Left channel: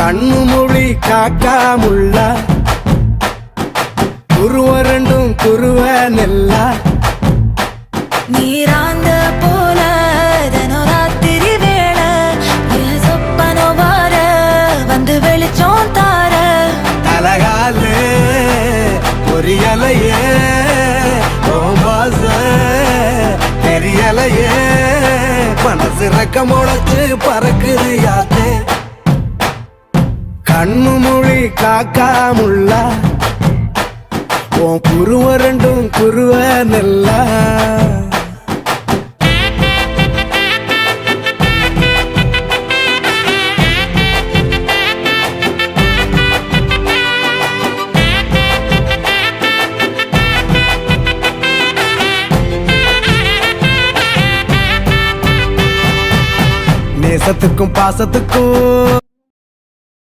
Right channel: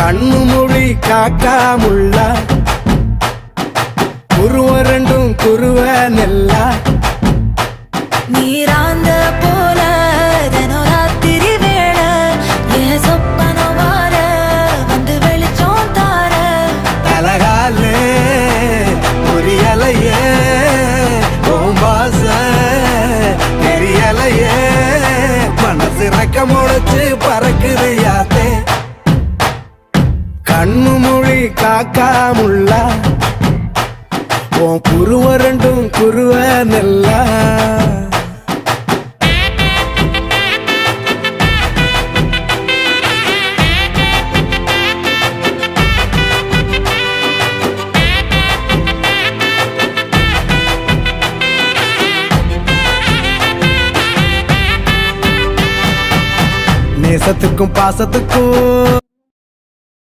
கண்ணு மொழி காக்காமுள்ள குருவ ரெண்டும் குருவ நெல்லா நீராங்க போல தினராத்திரி வேளை என் சொப்பனம் மாற வந்து வெளிச்சம் தார தலகாலே பொரியலையே ஓம்பாச தெரியலையே மனசு ரக்க முளைச்சு பறக்குதையாத்தே கண்ணு மொழி காக்காமுள்ள உன் குருவ ரெண்டும் குருவ நெல்லா நேசத்துக்கும் பாசத்துக்கும்